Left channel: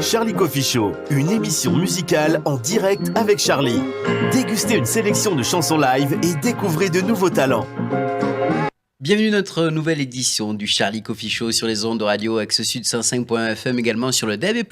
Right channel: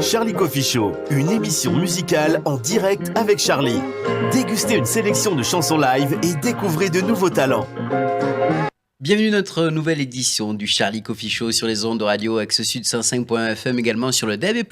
Charlie Coffee Show, une émission musicale en direct avec Charlie. Dégustez une sélection de chansons live et découvrez de nouveaux talents. Bienvenue à notre nouvelle édition du Charlie Coffee Show sur les ondes de radio Axe Sud 105.fm, également sur le DAB+,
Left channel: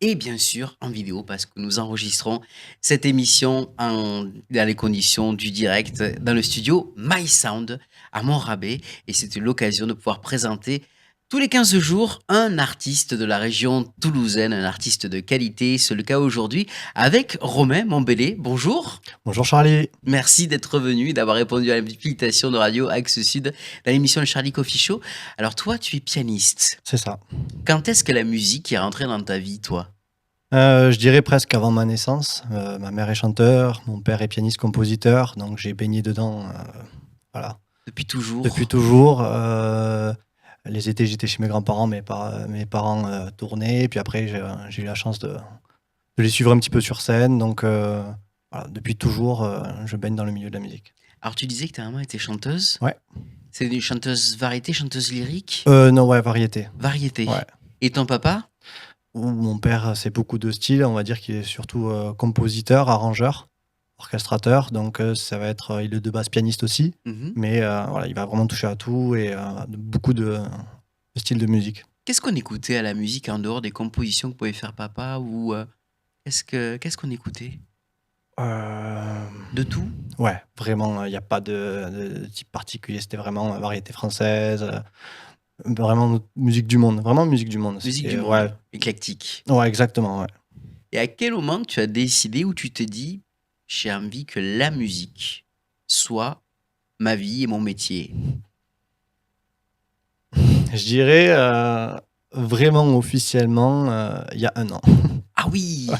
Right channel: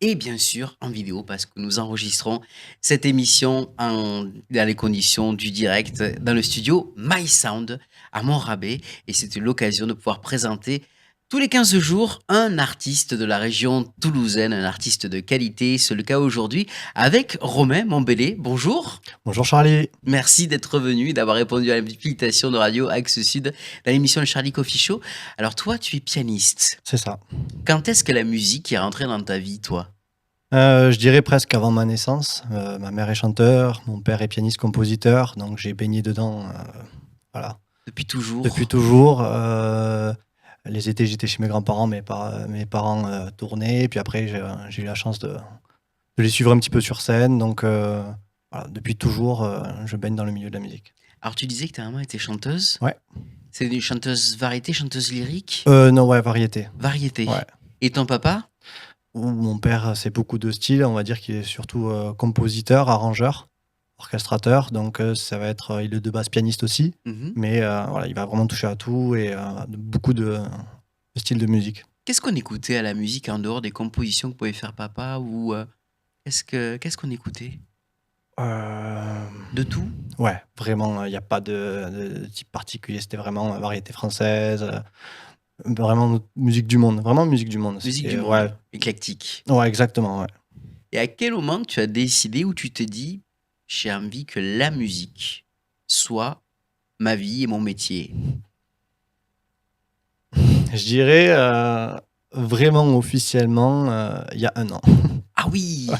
et bien sûr en vidéo parce que nous enregistrons cette émission dans les conditions du direct dans le studio My Sound à Montrabé, et c'était l'occasion de pouvoir présenter tous les 15 jours un artiste de la région toulousaine, un artiste de qualité. C'est le cas aujourd'hui avec Romain Montbellé. Bonjour. Bonjour Charlie. Merci d'être venu et d'avoir répondu à l'invitation de Radio Axe Sud dans l'émission Le Charlie Coffee Show. Alors toi, tu es pianiste. C'est ça. Quand est-ce que la musique est rentrée dans ta vie, toi ? Je dirais presque avant ma naissance. Ma mère est chanteur, mon père est pianiste-compositeur, donc j'ai baigné dedans. Voilà. Depuis toujours. Depuis toujours. Les étés, j'étais chez mes grands-parents, mes parents tournaient, puis après, j'ai eu la chance de les suivre un petit peu sur scène. Donc, voilà, depuis toujours, je baigne dans le milieu de la musique. Alors, tu disais que ta maman était chanteuse ? Ouais. C'est une chanteuse variété, chanteuse lyrique ? Non, ouais, variété. Variété. Ouais. Et ton papa ? Mon père, c'est beaucoup de styles. On va dire qu'il est surtout compositeur, arrangeur, orchestrateur. Donc, ça va être, il est de base pianiste aussi. Mais voilà, il va vraiment toucher à tout et beaucoup de styles de musique. Qu'est-ce qu'on écoutait à la musique en dehors des compositions que pouvait faire papa ou qu'est-ce qu'on écoutait ? De tout ? Ouais, vraiment, il n'y a pas de type particulier. C'était vraiment variété française, vraiment musique du monde. Vraiment musique du monde. Musique du monde, ouais. Éclectique. Ouais, exactement, ouais. Et à quel moment tu as décidé ou tu t'es dit « j'ai envie que la musique soit ma vie et mon métier » ? Je dirais vraiment officiellement il y a 1 an. Ah oui, ouais.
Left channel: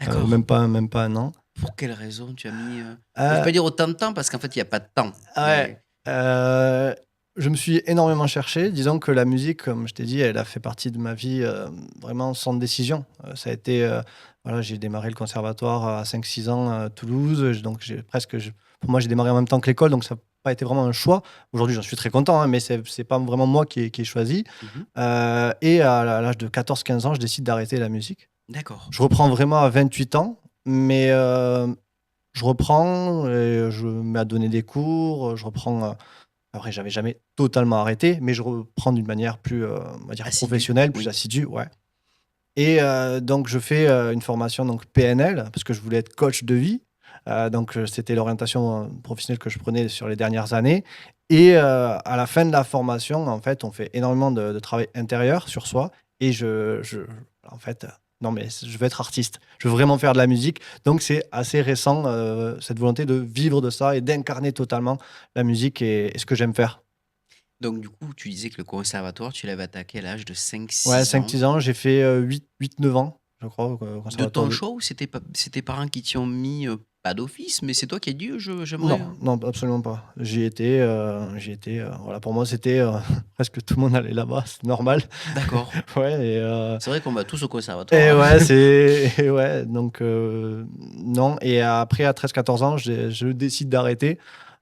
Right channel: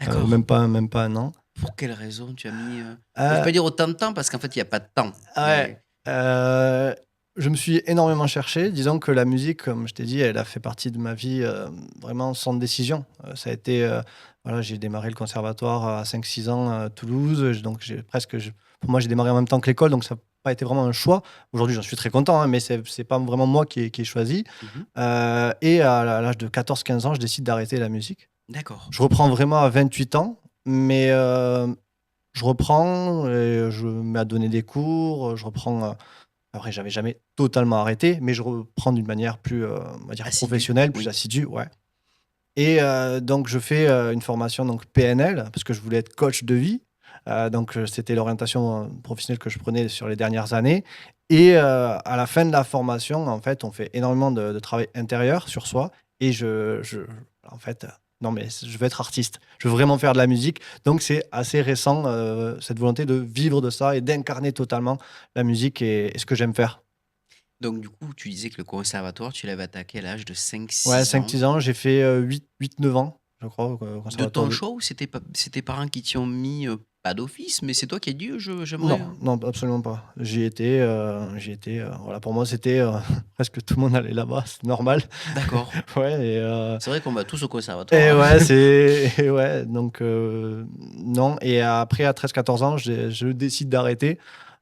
D'accord. Même pas 1 an. Pour quelle raison tu as mis... Je ne vais pas dire autant de temps parce qu'en fait, il n'y a pas de temps. Ouais. Je me suis énormément cherché. Disons que la musique, comme je t'ai dit, elle a fait partie de ma vie vraiment sans décision. Ça a été... voilà, j'ai démarré le conservatoire à 5-6 ans à Toulouse. Donc, pour moi, j'ai démarré en même temps que l'école. Donc, ça n'a pas été vraiment un choix. Aujourd'hui, j'en suis très content, hein, mais c'est pas vraiment moi qui ai choisi. Et à l'âge de 14-15 ans, je décide d'arrêter la musique. D'accord. Je reprends vraiment à 28 ans, mais je reprends, et je me mets à donner des cours, je reprends... après, j'avais jamais totalement arrêté, mais je reprends d'une manière plus, on va dire, Assidue, professionnelle, plus oui. assidue, ouais. Et donc, je fais une formation donc PNL, parce que je voulais être coach de vie. Donc, c'était l'orientation professionnelle que je prenais sur les dernières années. Et à la fin de la formation, en fait, on fait énormément de travail intérieur sur soi. Et en fait, non, mais je veux être artiste. Je veux vraiment faire de la musique. Donc, c'est assez récent, cette volonté de vivre de ça et d'incarner totalement la musique et ce que j'aime faire. Donc, du coup, tu disais que le conservatoire, tu l'avais attaqué à l'âge de 5-6 Ouais, ans. 5-6 ans, j'ai fait 8-9 ans, je crois, au De conservatoire. ton choix ou c'est tes parents qui t'y ont mis, pas d'office, mais c'est toi qui as dit j'aimerais. Non, absolument pas. J'y étais, voilà, pour moi, c'était presque tout le monde allait là-bas, c'est normal. D'accord. Ouais, et C'est vrai qu'on va tous au conservatoire. et hein. ouais, ouais, donc non. Et après, à 13-14 ans, je décide d'arrêter.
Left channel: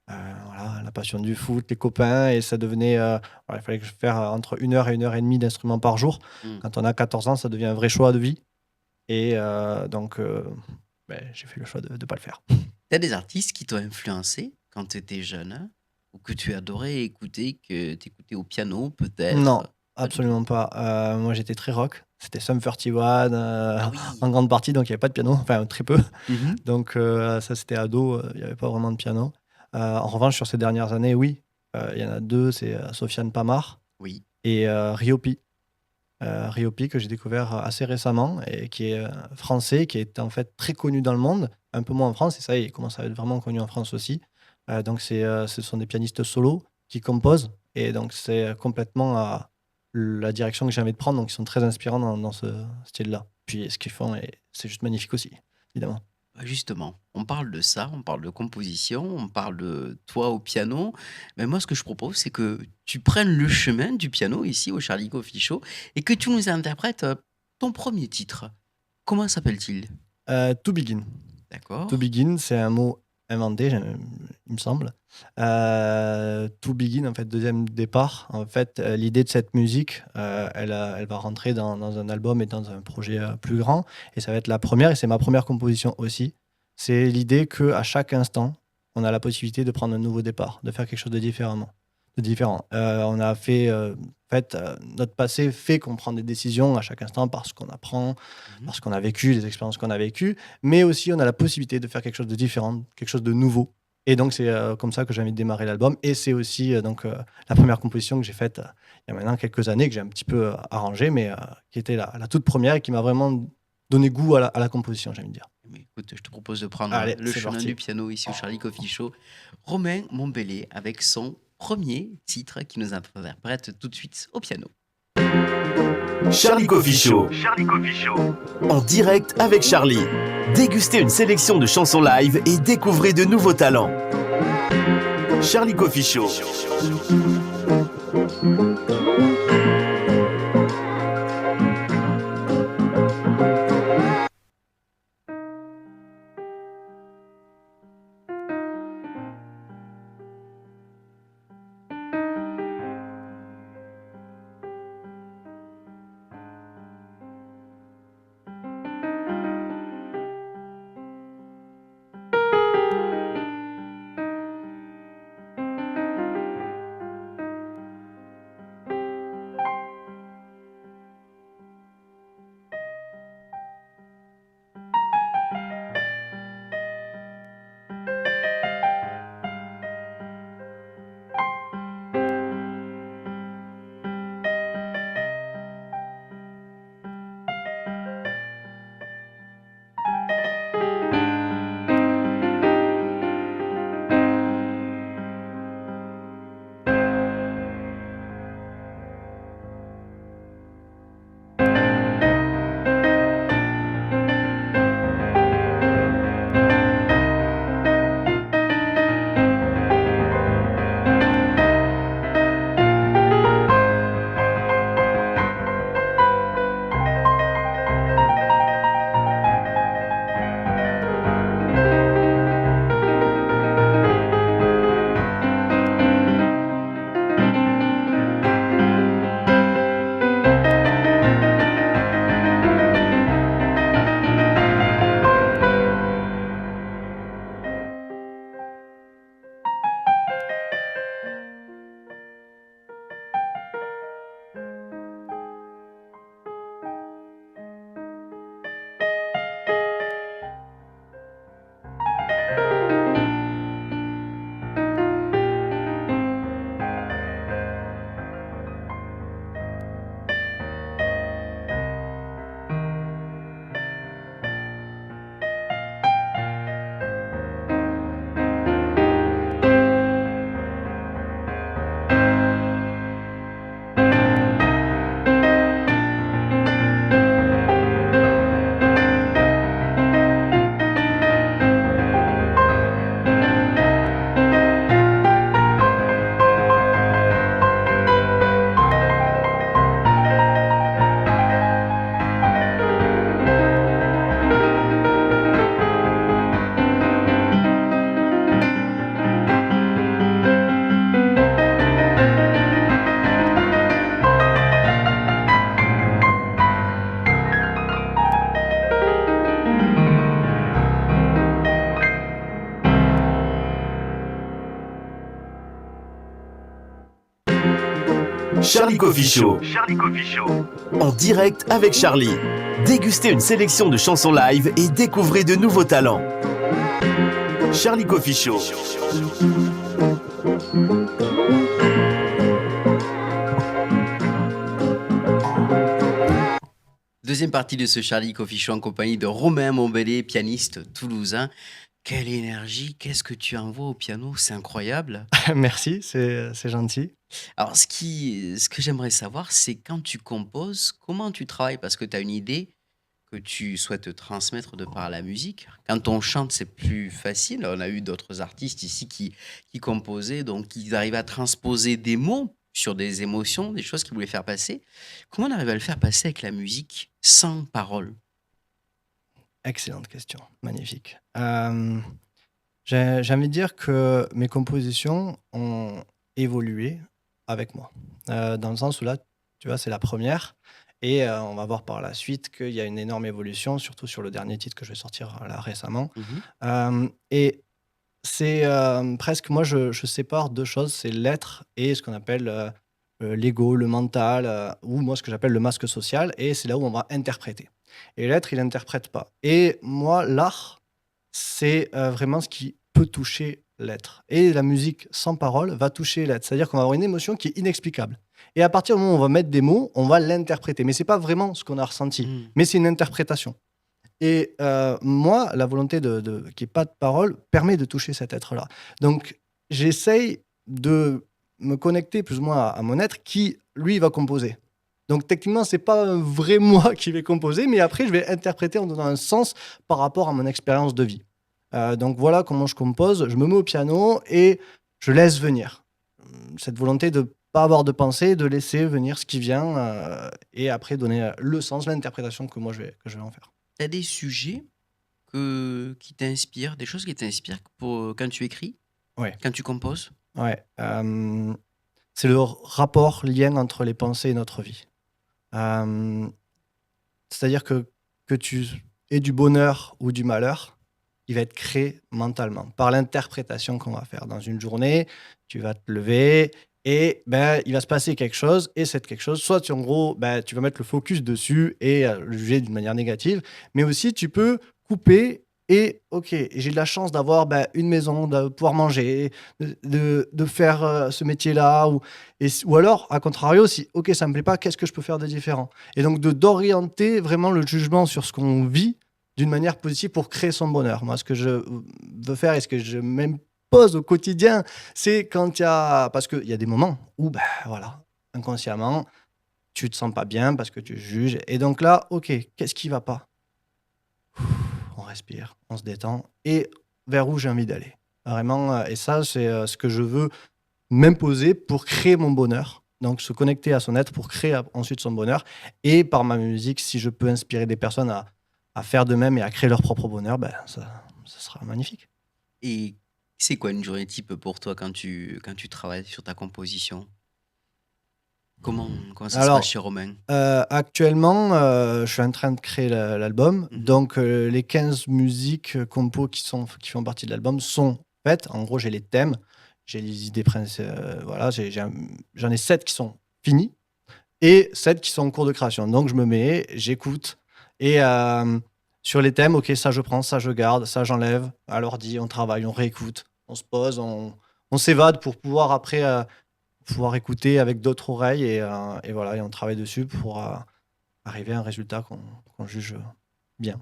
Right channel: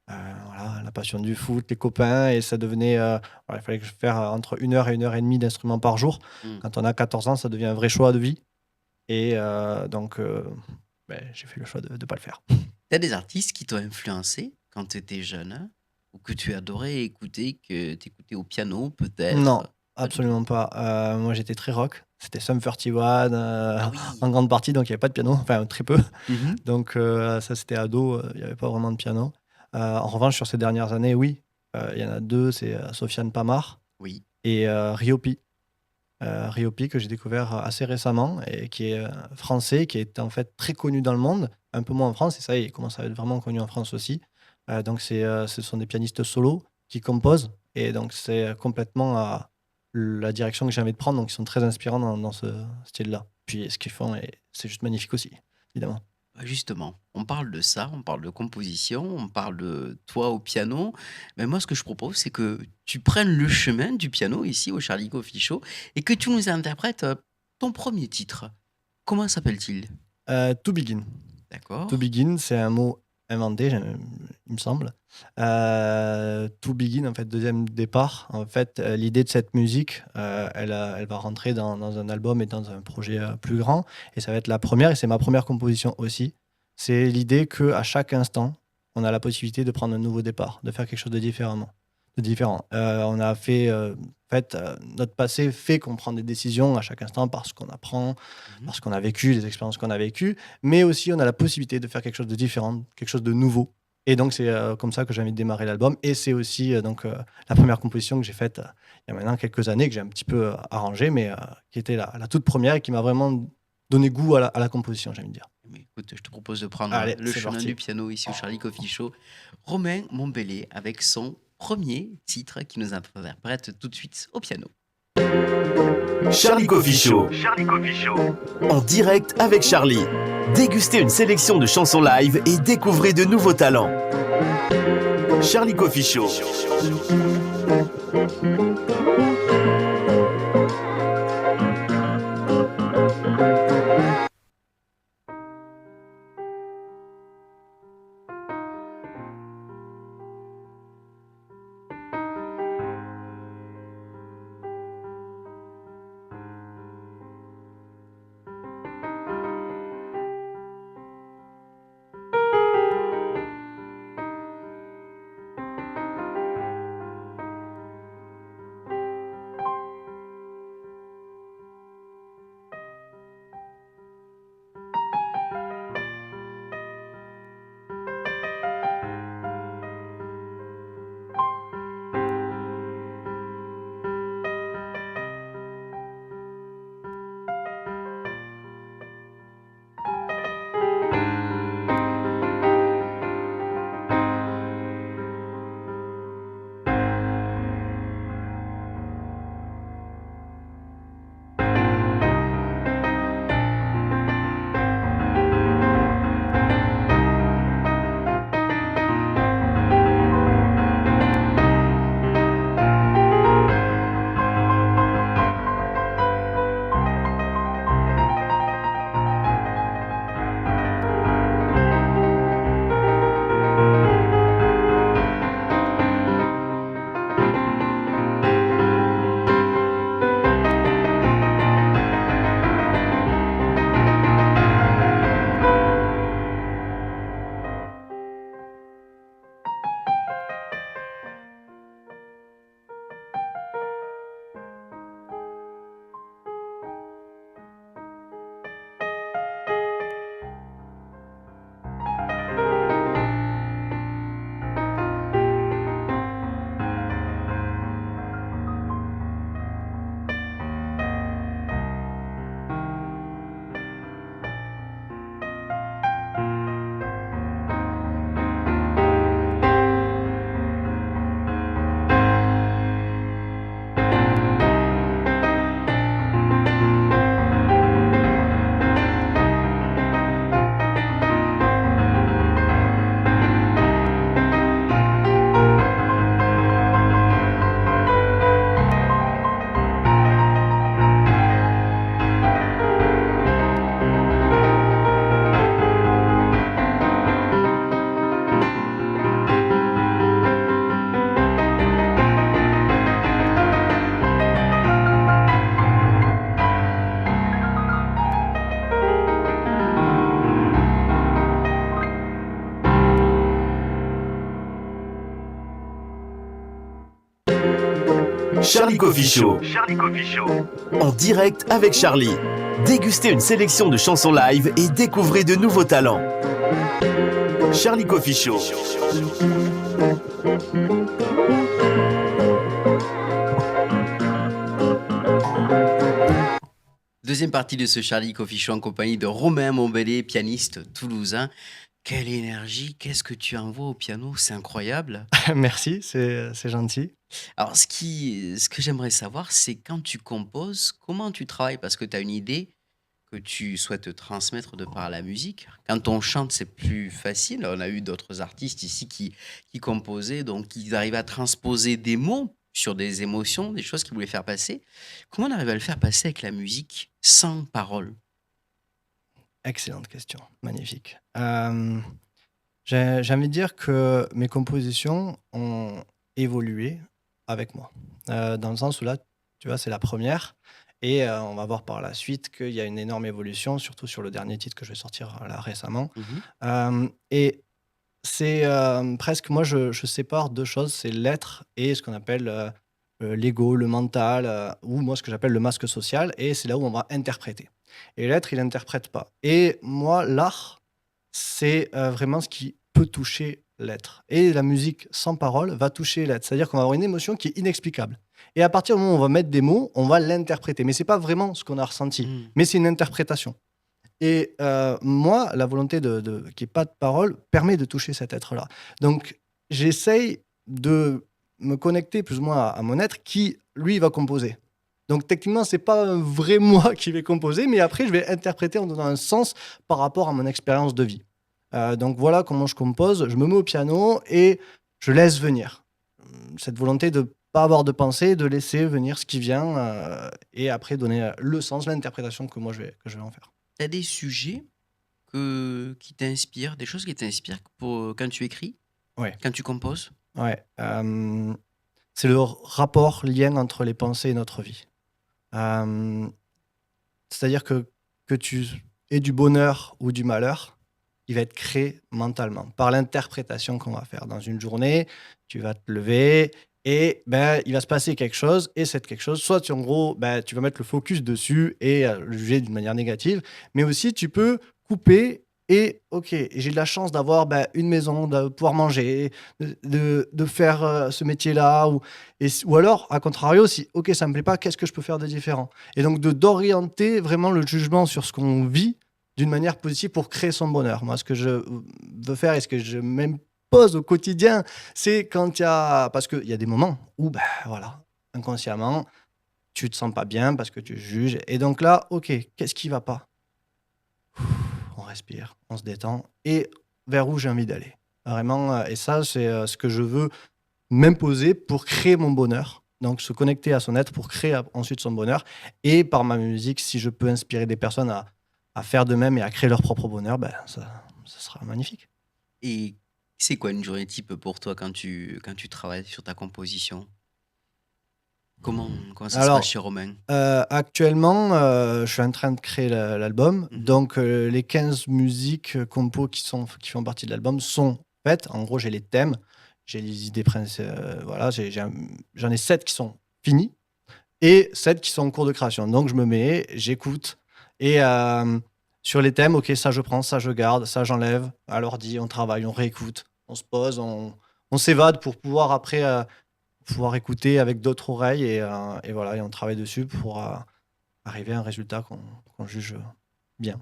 Voilà, la passion du foot, les copains, et ça devenait. Voilà, il fallait que je fasse entre 1 heure et 1 heure et demie d'instruments par jour. Quand on a 14 ans, ça devient un vrai choix de vie. Et donc, j'ai fait le choix de ne pas le faire. T'as des artistes qui t'ont influencé quand tu étais jeune, hein, ou que tu adorais écouter, que tu écoutais au piano peut-être? Non, Pas du tout. absolument pas. Moi, j'étais très rock. C'était Sum 41 Ah oui. en grande partie, donc il n'y avait pas de piano, enfin très peu. Mhm. Donc ça, c'était ado, il n'y avait pas vraiment de piano. En revanche, sur ces dernières années, oui, il y en a 2, c'est Sofiane Pamar Oui. et Ryopi. Ryopi que j'ai découvert assez récemment et qui est français, qui est en fait très connu dans le monde, un peu moins en France, et ça, il commence à être vraiment connu en France aussi. Donc ce sont des pianistes solos qui composent, et donc c'est complètement à la direction que j'ai envie de prendre, donc ils sont très inspirants dans ce style-là. Puis ce qu'ils font, c'est juste magnifique aussi, évidemment. Justement, on parle de ça, on parle de composition, on parle de toi au piano. Mais moi, ce que je propose, c'est que tu prennes le chemin du piano ici au Charlie Coffee Show et que tu nous interprètes ton premier titre. Comment s'appelle-t-il? To Begin. D'accord. To Begin, c'est un mot inventé, il me semble. To Begin, en fait, deuxième départ. En fait, l'idée de cette musique, elle va rentrer dans un album et dans un projet plus grand. Et ça va être la première, et c'est ma première composition aussi. C'est l'idée qu'à chaque instant, on a la possibilité de prendre un nouveau départ, de faire quelque chose de différent. On a fait, notre passé fait qu'on prend des décisions à chaque instant parce qu'on apprend, Mhm. parce qu'on a vécu, les expériences qu'on a vécues, mais aussi on a la possibilité de faire quelque chose de différent, quelque chose de nouveau. Et donc c'est comme ça que j'ai envie de démarrer l'album. Et c'est aussi la première composition que j'ai faite il y a maintenant quelques années, que j'ai un petit peu arrangée, mais qui était la toute première et qui m'a vraiment donné goût à la composition, j'ai envie de dire. Mais écoute, je te propose de prendre Allez, le c'est chemin du parti. piano ici au Charlie Coffee Show. Romain Montbellet avec son premier titre qui nous interprète tout de suite au piano. Charlie Coffee Show. En direct avec Charlie. Dégustez une sélection de chansons live et découvrez de nouveaux talents. Charlie Coffee Show. Charlie Coffee Show. En direct avec Charlie. Dégustez une sélection de chansons live et découvrez de nouveaux talents. Charlie Coffee Show. Deuxième partie de ce Charlie Coffee Show en compagnie de Romain Montbellet, pianiste toulousain. Quelle énergie, qu'est-ce que tu envoies au piano, c'est incroyable. Merci, c'est gentil. Alors, ce que j'aimerais savoir, c'est quand tu composes, comment tu travailles? Parce que tu as une idée que tu souhaites transmettre de par la musique. Quand on chante, c'est plus facile. On a eu d'autres artistes ici qui composaient, donc ils arrivaient à transposer des mots sur des émotions, des choses qu'ils voulaient faire passer. Comment on arrive à le faire passer avec la musique sans parole? Excellente question, magnifique. J'ai envie de dire que mes compositions ont évolué avec moi. Dans le sens où là, tu vois, c'est la première et on va voir par la suite qu'il y a une énorme évolution, surtout sur le dernier titre que je vais sortir, là, récemment. Mmh. Et c'est, presque moi je sépare 2 choses, c'est l'être et ce qu'on appelle, l'ego, le mental, ou moi ce que j'appelle le masque social et c'est là où on va interpréter. Et l'être, il interprète pas. Et moi, l'art, c'est, vraiment ce qui peut toucher l'être et la musique sans parole va toucher l'être. C'est-à-dire qu'on va avoir une émotion qui est inexplicable et à partir du moment où on va mettre des mots, on va l'interpréter. Mais c'est pas vraiment ce qu'on a ressenti, Mmh. mais c'est une interprétation. Et moi, la volonté de qu'il y ait pas de parole permet de toucher cet être-là. Donc j'essaye de me connecter plus ou moins à mon être qui, lui, va composer. Donc techniquement, c'est pas un vrai moi qui vais composer, mais après je vais interpréter en donnant un sens par rapport à mon expérience de vie. Donc voilà comment je compose. Je me mets au piano et je laisse venir. Cette volonté de pas avoir de pensée, de laisser venir ce qui vient, et après donner, le sens, l'interprétation que je vais en faire. Tu as des sujets qui t'inspirent, des choses qui t'inspirent pour, quand tu écris, Ouais. quand tu composes? Ouais, c'est le rapport, lien entre les pensées et notre vie. Hem, C'est-à-dire que tu aies du bonheur ou du malheur, il va être créé mentalement par l'interprétation qu'on va faire. Dans une journée, tu vas te lever et ben, il va se passer quelque chose et cette quelque chose, soit tu en gros, ben, tu vas mettre le focus dessus et le juger d'une manière négative, mais aussi tu peux couper et OK, j'ai de la chance d'avoir, bah, une maison, de pouvoir manger, de faire, ce métier-là ou alors à contrario si OK, ça me plaît pas, qu'est-ce que je peux faire de différent? Et donc d'orienter vraiment le jugement sur ce qu'on vit d'une manière positive pour créer son bonheur. Moi, ce que je veux faire et ce que je m'impose au quotidien, c'est quand il y a parce qu'il y a des moments où, bah, voilà, inconsciemment, tu te sens pas bien parce que tu juges et donc là, OK, qu'est-ce qui va pas? On respire, on se détend et vers où j'ai envie d'aller. Vraiment, et ça, c'est, ce que je veux m'imposer pour créer mon bonheur. Donc se connecter à son être pour créer ensuite son bonheur et par ma musique, si je peux inspirer des personnes à faire de même et à créer leur propre bonheur, ben, ça sera magnifique. Et c'est quoi une journée type pour toi quand tu travailles sur ta composition? Comment ça se passe Alors, chez Romain? actuellement, je suis en train de créer l'album. Mmh. Donc, les 15 musiques, compos qui font partie de l'album sont faites. En gros, j'ai les thèmes, j'ai les idées voilà, j'en ai 7 qui sont finis et 7 qui sont en cours de création. Donc je me mets, j'écoute et sur les thèmes, OK, ça je prends, ça je garde, ça j'enlève. À l'ordi, on travaille, on réécoute, on se pose, on s'évade pour pouvoir après, pouvoir écouter avec d'autres oreilles et voilà et on travaille dessus pour, arriver à un résultat qu'on juge, bien.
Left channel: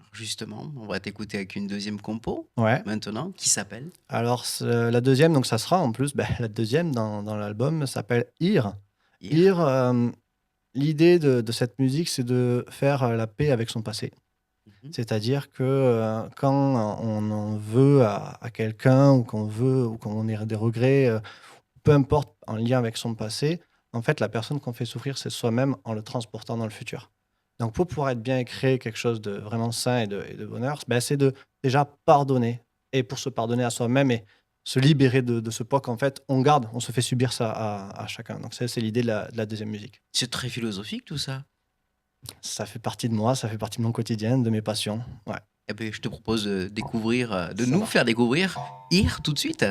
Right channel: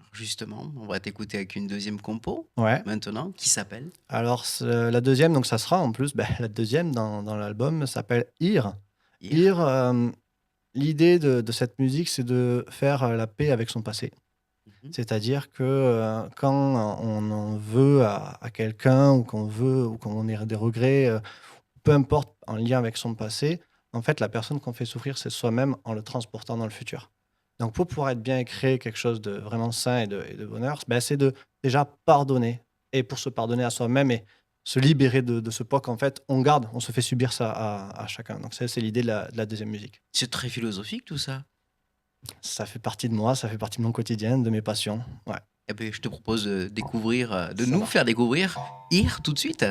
Alors justement, on va t'écouter avec une deuxième compo, Ouais. maintenant, qui s'appelle? Alors la deuxième, donc ça sera en plus, la deuxième dans l'album s'appelle «Ire». Hier. «Ire», l'idée de cette musique, c'est de faire, la paix avec son passé. Mmh. C'est-à-dire que, quand on en veut à quelqu'un ou qu'on veut ou qu'on ait des regrets, peu importe en lien avec son passé, en fait, la personne qu'on fait souffrir, c'est soi-même en le transportant dans le futur. Donc pour pouvoir être bien et créer quelque chose de vraiment sain et de bonheur, c'est de déjà pardonner et pour se pardonner à soi-même et se libérer de ce poids qu'en fait on garde, on se fait subir ça à chacun. Donc ça, c'est l'idée de la 2e musique. C'est très philosophique tout ça. Ça fait partie de moi, ça fait partie de mon quotidien, de mes passions. Ouais, Eh beh, je te propose de découvrir, de ça nous marche. faire découvrir Here tout de suite.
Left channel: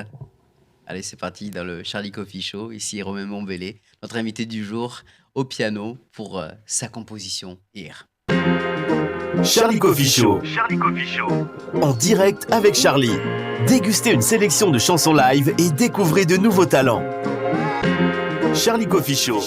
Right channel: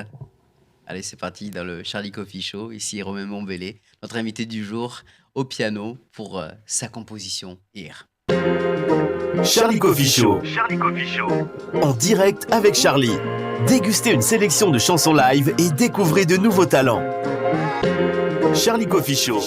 Allez, c'est parti dans le Charlie Coffee Show. Ici Romain Mombelé, notre invité du jour au piano pour, sa composition Here. Charlie Coffee Show. En direct avec Charlie. Dégustez une sélection de chansons live et découvrez de nouveaux talents. Charlie Coffee Show.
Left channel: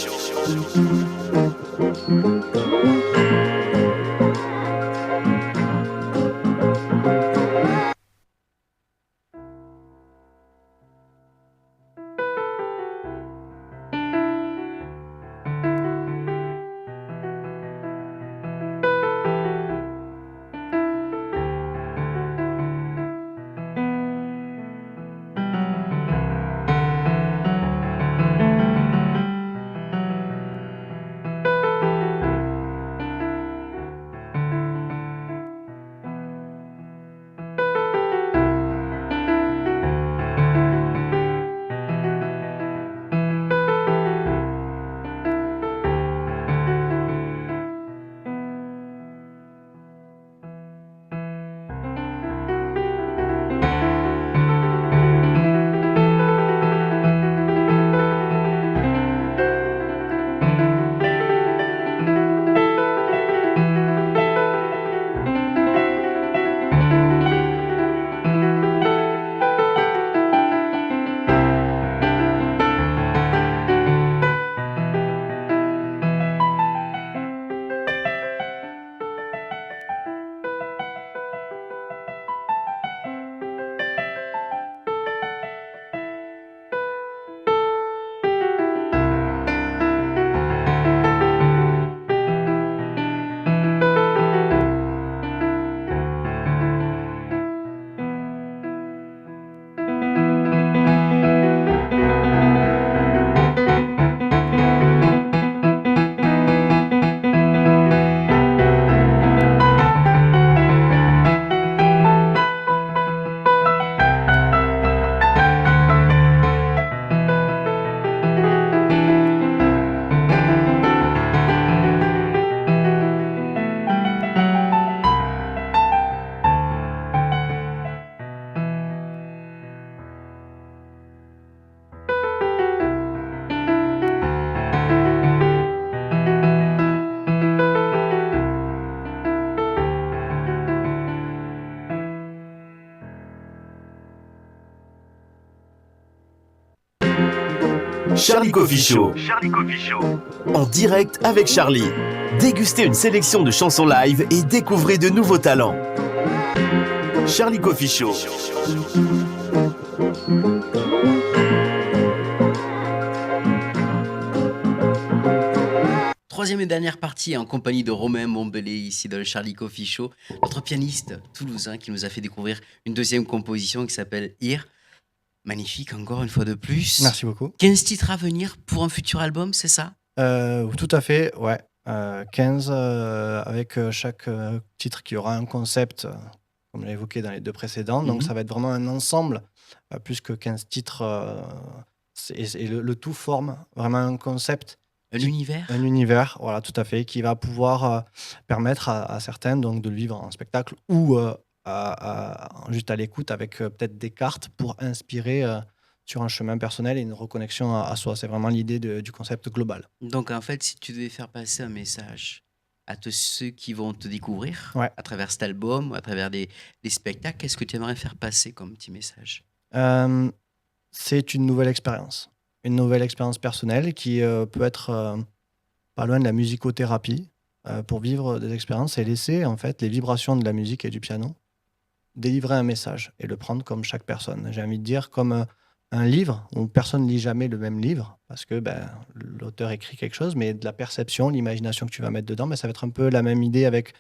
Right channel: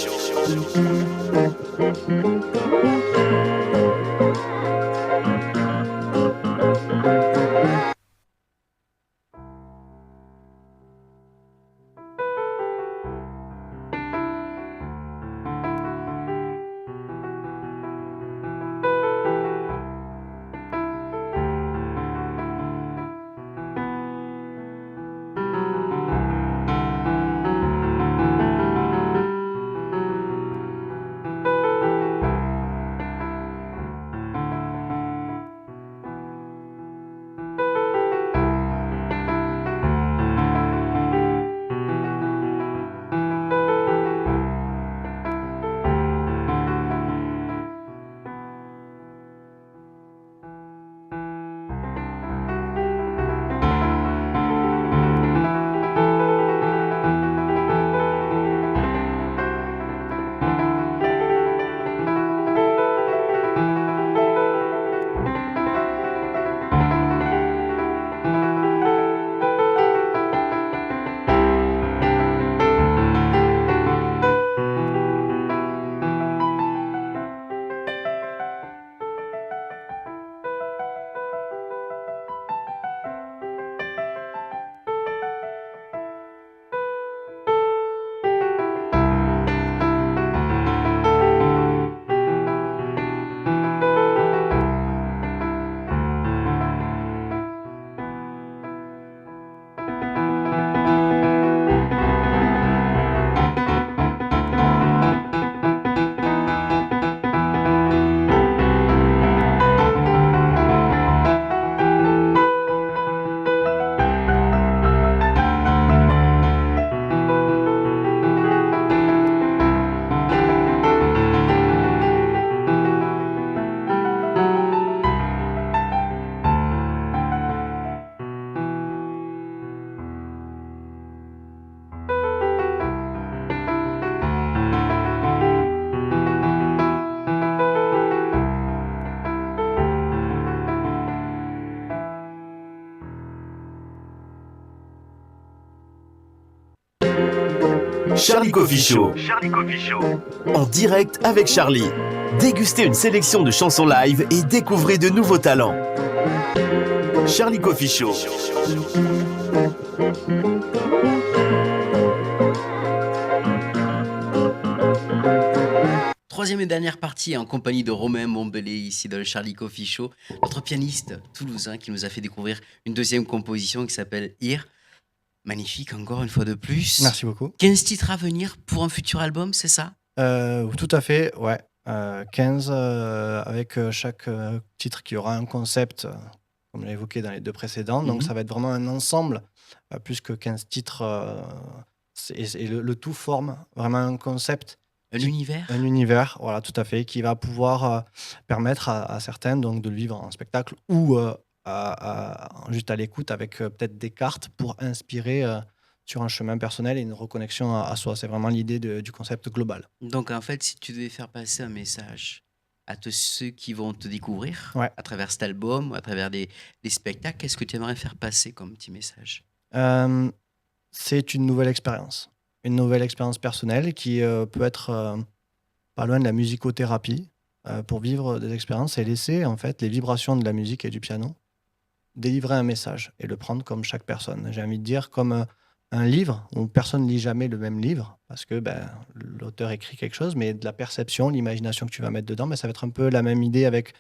Charlie Coffee Show. En direct avec Charlie. Dégustez une sélection de chansons live et découvrez de nouveaux talents. Charlie Coffee Show. Troisième et dernière partie en compagnie de Romain Montbellet, ici dans le Charlie Coffee Show, notre pianiste toulousain qui nous a fait découvrir une deuxième composition qui s'appelle Here. Magnifique, encore une fois de plus. Merci beaucoup. 15 titres à venir pour un futur album, c'est ça? Tout à fait, ouais. 15 avec chaque titre qui aura un concept, comme j'ai évoqué dans les deux précédents. Donc, ça va être vraiment un ensemble, plus que 15 titres. Et le tout forme vraiment un concept. Un univers? Un univers, voilà, tout à fait, qui va pouvoir permettre à certains donc, de le vivre en spectacle ou juste à l'écoute avec peut-être des cartes pour inspirer sur un chemin personnel et une reconnexion à soi. C'est vraiment l'idée du concept global. Donc en fait, si tu devais faire passer un message à tous ceux qui vont te découvrir Ouais. à travers cet album, ou à travers des spectacles, qu'est-ce que tu aimerais faire passer comme petit message? C'est une nouvelle expérience. Une nouvelle expérience personnelle qui peut être pas loin de la musicothérapie pour vivre des expériences et laisser en fait les vibrations de la musique et du piano délivrer un message et le prendre comme chaque personne. J'ai envie de dire comme un livre où personne ne lit jamais le même livre parce que l'auteur écrit quelque chose, mais de la perception, l'imagination que tu vas mettre dedans, ça va être un peu la même idée avec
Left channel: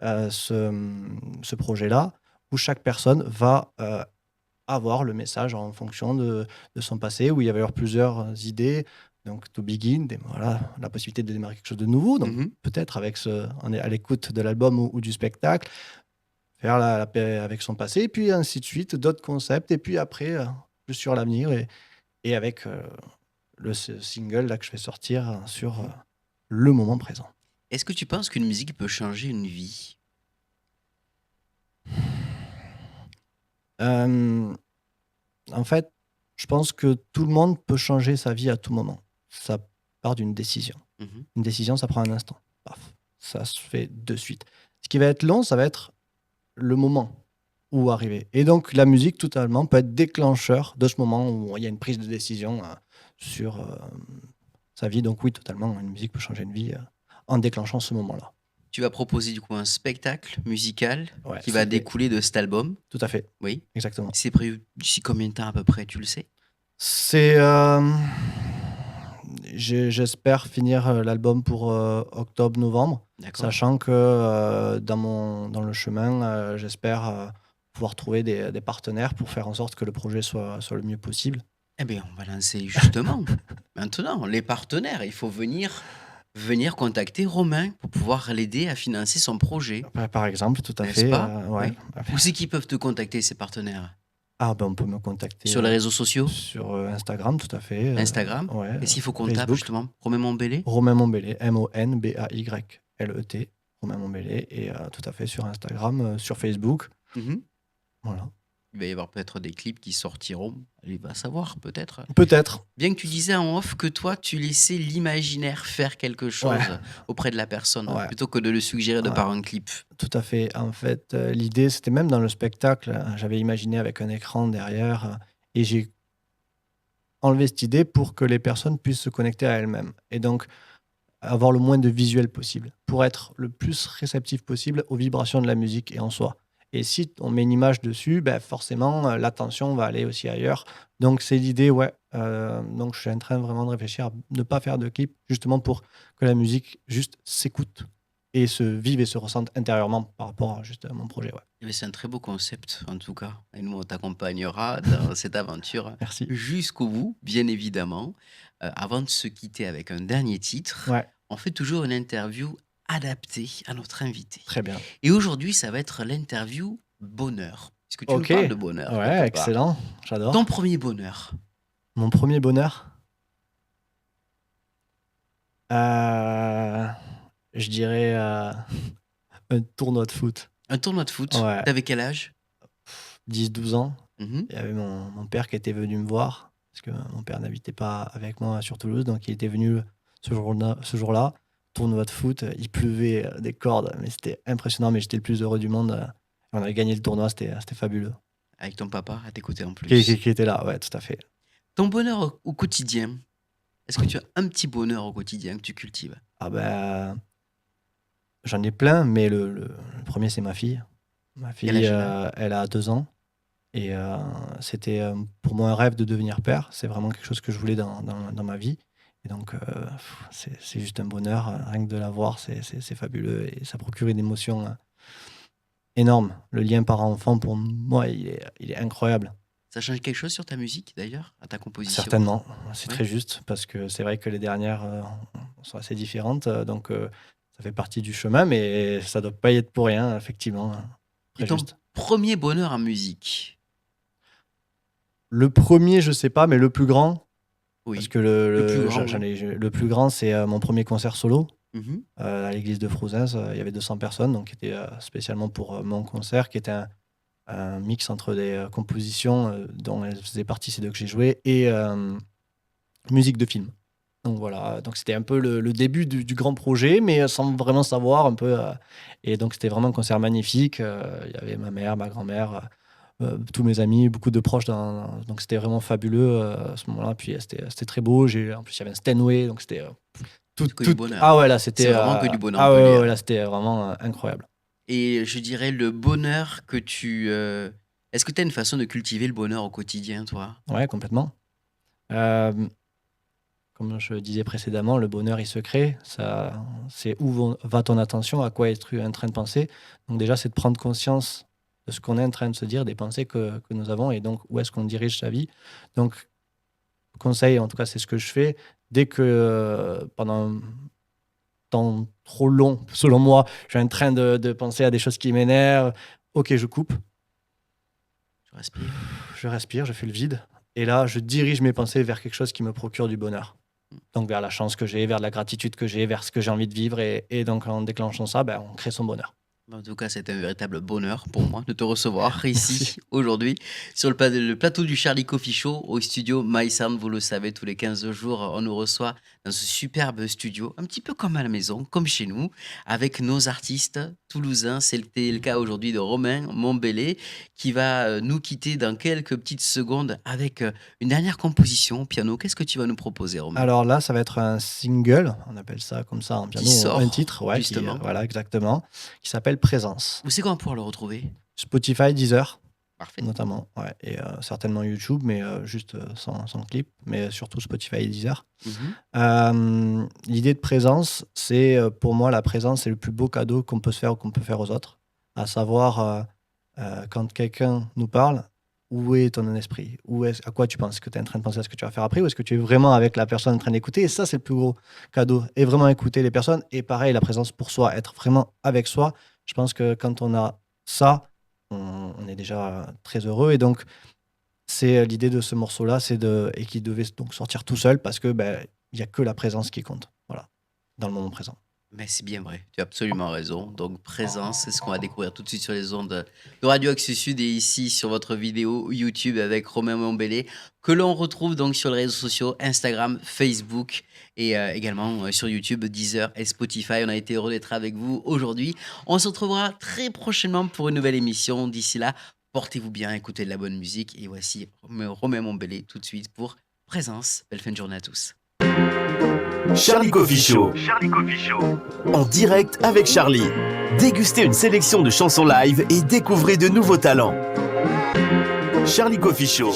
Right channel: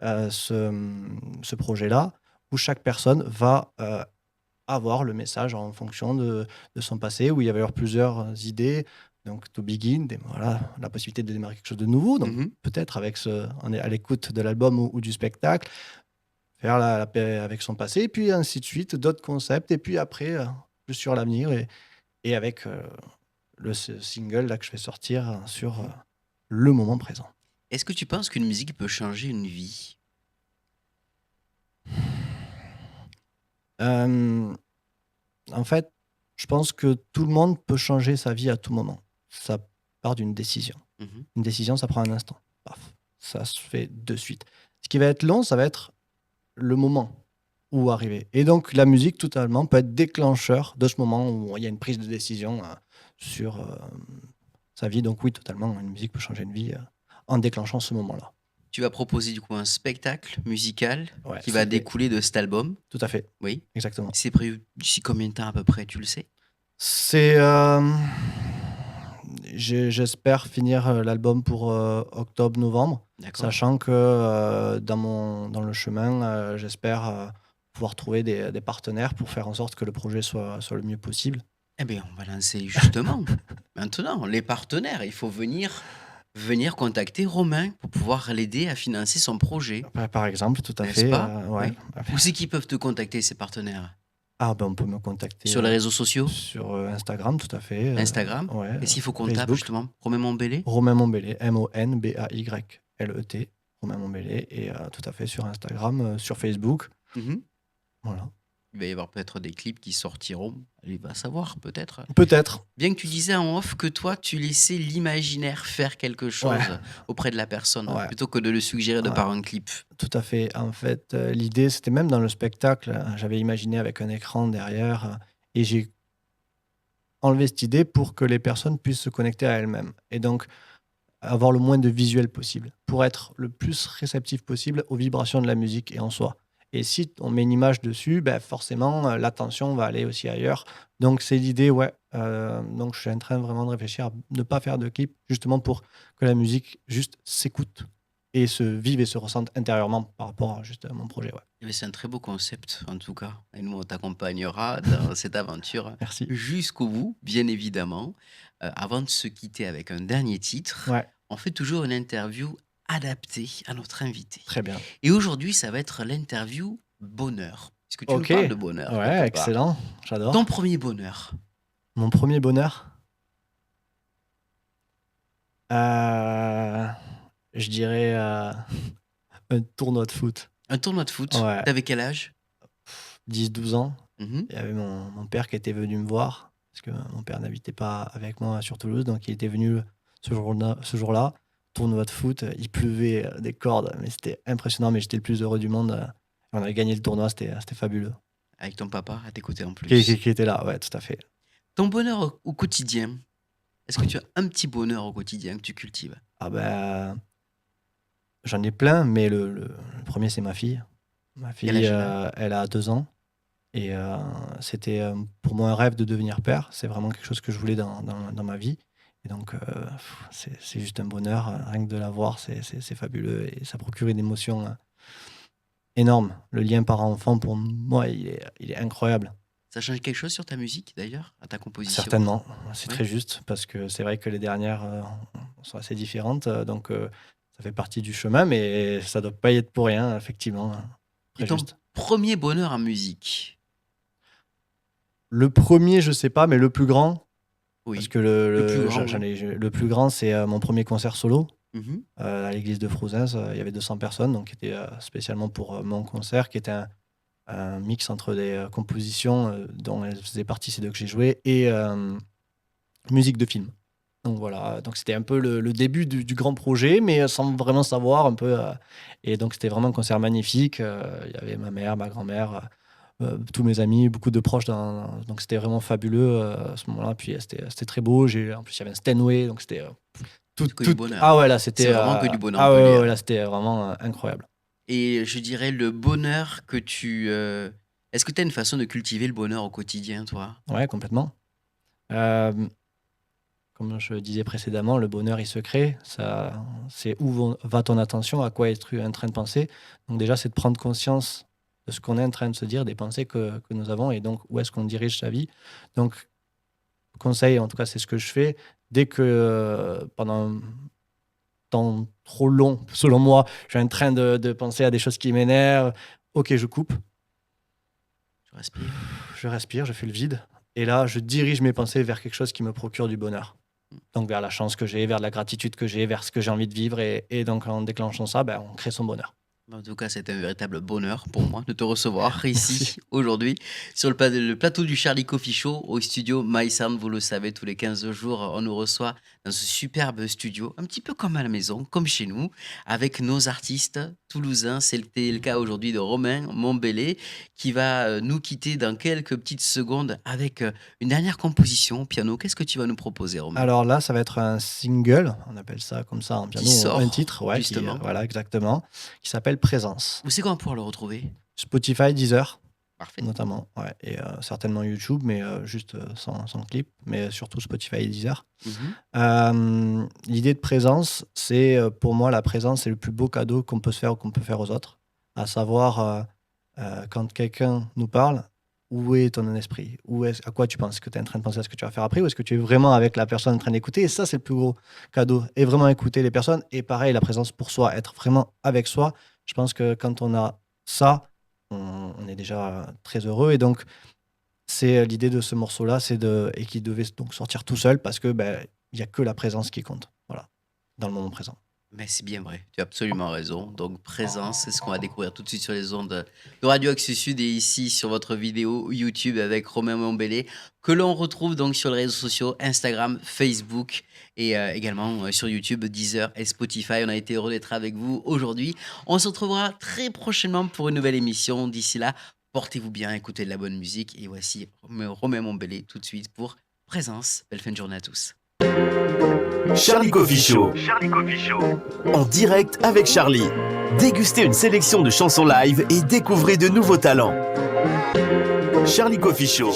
ce projet-là où chaque personne va avoir le message en fonction de son passé, où il y avait plusieurs idées. Donc, to begin, voilà, la possibilité de démarrer quelque chose de nouveau. Donc, peut-être avec à l'écoute de l'album ou du spectacle, faire la paix avec son passé, et puis ainsi de suite, d'autres concepts, et puis après, plus sur l'avenir, et avec le single là, que je vais sortir sur le moment présent. Est-ce que tu penses qu'une musique peut changer une vie? En fait, je pense que tout le monde peut changer sa vie à tout moment. Ça part d'une décision. Une décision, ça prend un instant. Paf, ça se fait de suite. Ce qui va être long, ça va être le moment où arriver. Et donc, la musique, totalement, peut être déclencheur de ce moment où il y a une prise de décision sur sa vie. Donc oui, totalement, une musique peut changer une vie en déclenchant ce moment-là. Tu vas proposer du coup un spectacle musical Ouais, qui va c'est- découler de cet album. Tout à fait, Oui. exactement. C'est prévu d'ici combien de temps à peu près, tu le sais? C'est... j'espère finir l'album pour octobre-novembre, D'accord. sachant que dans le chemin, j'espère pouvoir trouver des partenaires pour faire en sorte que le projet soit le mieux possible. Eh bien, on va lancer justement maintenant les partenaires. Il faut venir contacter Romain pour pouvoir l'aider à financer son projet. Par exemple, tout à N'est-ce fait. pas? Ouais. Où c'est qu'ils peuvent te contacter, ces partenaires? On peut me contacter Sur les réseaux sociaux? sur Instagram, tout à fait. Instagram? Ouais. Est-ce qu'il faut qu'on tape Facebook. justement Romain Montbellet? Romain Montbellet, Monbaylet, Romain Montbellet, et tout à fait sur Instagram, sur Facebook. Mhm. Voilà. Il va y avoir peut-être des clips qui sortiront. Il va savoir, peut-être. Peut-être. Bien que tu disais en off que toi, tu laissais l'imaginaire faire quelque chose Ouais. auprès de la personne, Ouais. plutôt que de le suggérer de Ouais. par un clip. Tout à fait. En fait, l'idée, c'était même dans le spectacle, j'avais imaginé avec un écran derrière, et j'ai enlevé cette idée pour que les personnes puissent se connecter à elles-mêmes. Et donc, avoir le moins de visuel possible, pour être le plus réceptif possible aux vibrations de la musique et en soi. Et si on met une image dessus, forcément, l'attention va aller aussi ailleurs. Donc, c'est l'idée, ouais. Donc, je suis en train vraiment de réfléchir à ne pas faire de clip, justement pour que la musique juste s'écoute et se vive et se ressente intérieurement par rapport à juste à mon projet. Ouais. Eh bien, c'est un très beau concept, en tout cas. Et nous, on t'accompagnera dans cette aventure Merci. jusqu'au bout, bien évidemment. Avant de se quitter avec un dernier titre, Ouais, on fait toujours une interview adaptée à notre invité. très bien. Et aujourd'hui, ça va être l'interview bonheur. Est-ce que tu nous Ok. parles de bonheur quelque Ouais, part? excellent. J'adore. Ton premier bonheur? Mon premier bonheur, je dirais un tournoi de foot. Un tournoi de foot? Ouais. T'avais quel âge? 10-12 ans. Mhm. Il y avait mon père qui était venu me voir, parce que mon père n'habitait pas avec moi sur Toulouse, donc il était venu ce jour-là. Tournoi de foot, il pleuvait des cordes, mais c'était impressionnant, mais j'étais le plus heureux du monde. On avait gagné le tournoi, c'était fabuleux. Avec ton papa à tes côtés en plus. Qui était là, ouais, tout à fait. Ton bonheur au quotidien, Est-ce que tu as un petit bonheur au quotidien que tu cultives? Ah ben, j'en ai plein, mais le premier, c'est ma fille. Ma Quel fille, âge elle a? elle a 2 ans et c'était, pour moi un rêve de devenir père. C'est vraiment quelque chose que je voulais dans ma vie et donc c'est juste un bonheur, rien que de la voir, c'est fabuleux et ça procure une émotion, énorme. Le lien parent-enfant pour moi, il est incroyable. Ça change quelque chose sur ta musique d'ailleurs, à ta composition? Certainement, c'est Ouais? très juste parce que c'est vrai que les dernières, sont assez différentes, donc ça fait partie du chemin, mais ça doit pas y être pour rien, effectivement, Et très ton juste. premier bonheur en musique? Le premier, je sais pas, mais le plus grand, parce Oui. que Le plus grand, j'en oui. ai le plus grand, c'est, mon premier concert solo, Mmh. à l'église de Frouzins, il y avait 200 personnes, donc qui était, spécialement pour, mon concert, qui était un mix entre des, compositions, dont elles faisaient partie, ces 2 que j'ai jouées et musique de film. Donc voilà, donc c'était un peu le début du grand projet, mais sans vraiment savoir un peu, et donc c'était vraiment un concert magnifique, il y avait ma mère, ma grand-mère, tous mes amis, beaucoup de proches donc c'était vraiment fabuleux, à ce moment-là. Puis, c'était très beau, en plus il y avait un Steinway, donc c'était, Que du ah bonheur. ouais, là C'est c'était, vraiment que du bonheur, on ah peut ouais, ouais, dire. ouais, là c'était vraiment, incroyable. Et je dirais le bonheur que est-ce que tu as une façon de cultiver le bonheur au quotidien, toi? Ouais, complètement. Hem Comme je disais précédemment, le bonheur, il se crée. Ça, c'est où va ton attention, à quoi es-tu en train de penser. Donc déjà, c'est de prendre conscience de ce qu'on est en train de se dire, des pensées que nous avons et donc où est-ce qu'on dirige sa vie. Donc, conseil, en tout cas, c'est ce que je fais. Dès que pendant un temps trop long, selon moi, je suis en train de penser à des choses qui m'énervent, ok, je coupe, Tu respires? je respire, je fais le vide. Et là, je dirige mes pensées vers quelque chose qui me procure du bonheur. Mmh. Donc vers la chance que j'ai, vers la gratitude que j'ai, vers ce que j'ai envie de vivre et donc en déclenchant ça, ben, on crée son bonheur. En tout cas, c'est un véritable bonheur pour moi de te recevoir Merci. ici, aujourd'hui, sur le plateau du Charlie Coffee Show, au studio My Sound. Vous le savez, tous les 15 jours, on nous reçoit dans ce superbe studio, un petit peu comme à la maison, comme chez nous, avec nos artistes toulousains. C'était le cas aujourd'hui de Romain Montbellet, qui va nous quitter dans quelques petites secondes avec une dernière composition au piano. Qu'est-ce que tu vas nous proposer, Romain? Alors là, ça va être un single, on appelle ça comme ça en Qui piano, un sort, titre, ouais, qui, justement. voilà, exactement, qui s'appelle Présence. Où c'est qu'on va pouvoir le retrouver? Spotify, Deezer, Parfait. notamment, ouais, et certainement YouTube, mais juste sans clip, mais surtout Spotify et Deezer. Mhm. L'idée de présence, c'est pour moi, la présence, c'est le plus beau cadeau qu'on peut se faire ou qu'on peut faire aux autres. À savoir, quand quelqu'un nous parle, où est ton esprit? À quoi tu penses? Est-ce que tu es en train de penser à ce que tu vas faire après ou est-ce que tu es vraiment avec la personne en train d'écouter? Et ça, c'est le plus gros cadeau. Et vraiment écouter les personnes. Et pareil, la présence pour soi, être vraiment avec soi. Je pense que quand on a ça, on est déjà très heureux. Et donc, c'est l'idée de ce morceau-là, et qui devait donc sortir tout seul parce que ben, il y a que la présence qui compte. Voilà, dans le moment présent. Mais c'est bien vrai, tu as absolument raison. Donc, présence, c'est ce qu'on va découvrir tout de suite sur les ondes de Radio Axe Sud et ici sur votre vidéo YouTube avec Romain Montbellet, que l'on retrouve donc sur les réseaux sociaux Instagram, Facebook et également sur YouTube, Deezer et Spotify. On a été heureux d'être avec vous aujourd'hui. On se retrouvera très prochainement pour une nouvelle émission. D'ici là, portez-vous bien, écoutez de la bonne musique. Et voici Romain Montbellet tout de suite pour Présence. Belle fin de journée à tous. Charlie Coffee Show. En direct avec Charlie. Dégustez une sélection de chansons live et découvrez de nouveaux talents. Charlie Coffee Show.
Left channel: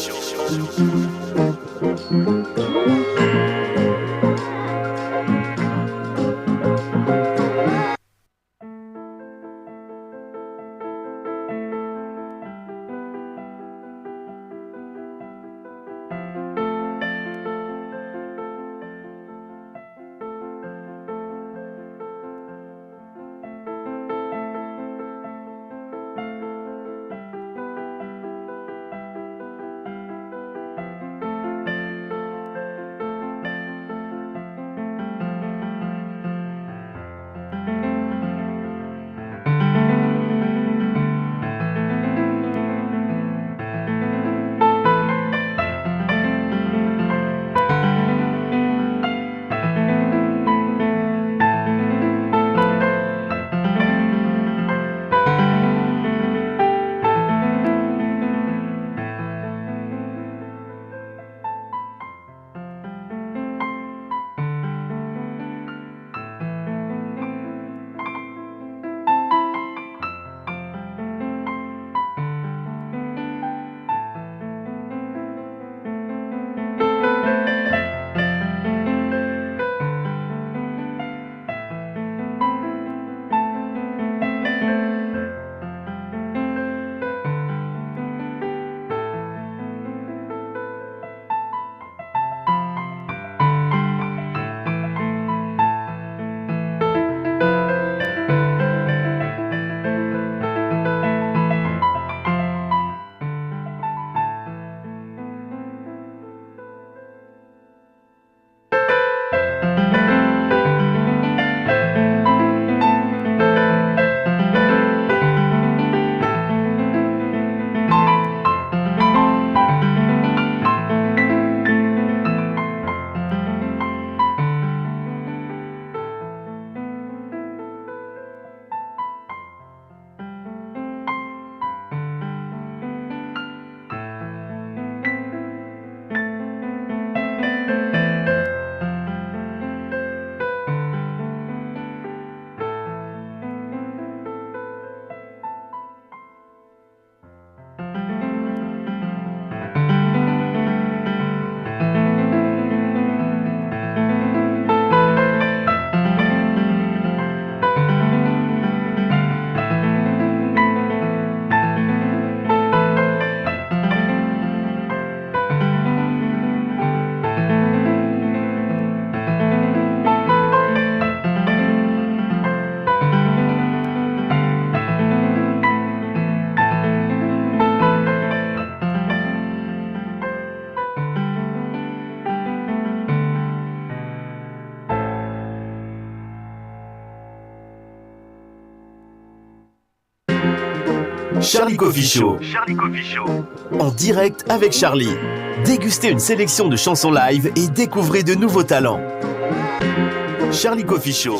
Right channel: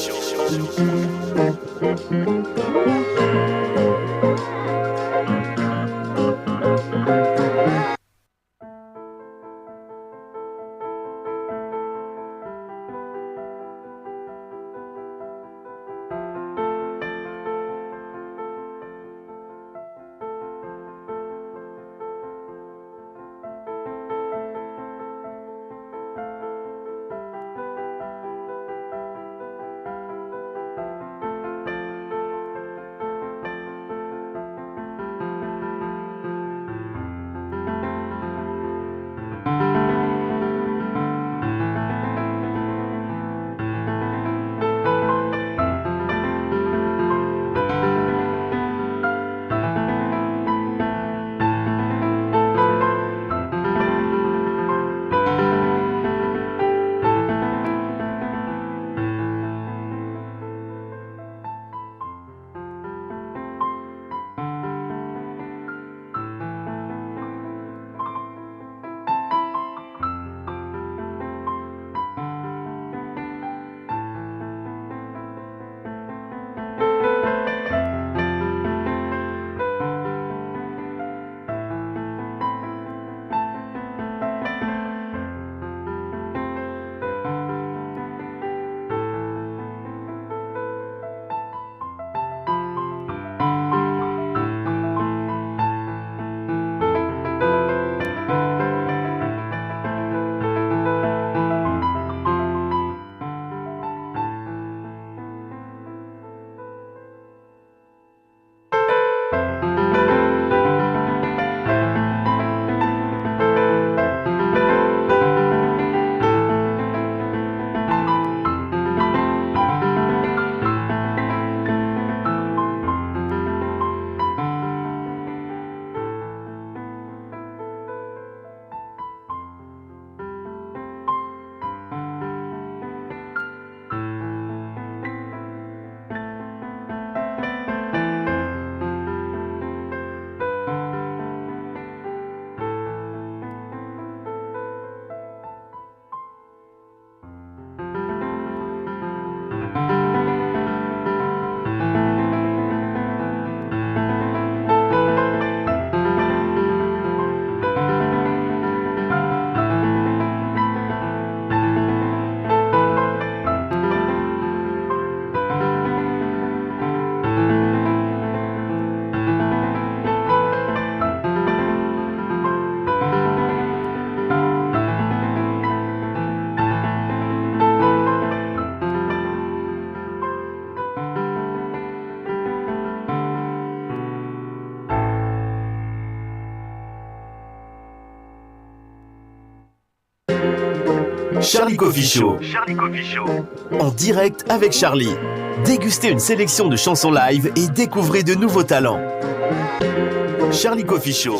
Charlie Coffee Show. En direct avec Charlie. Dégustez une sélection de chansons live et découvrez de nouveaux talents. Charlie Coffee Show.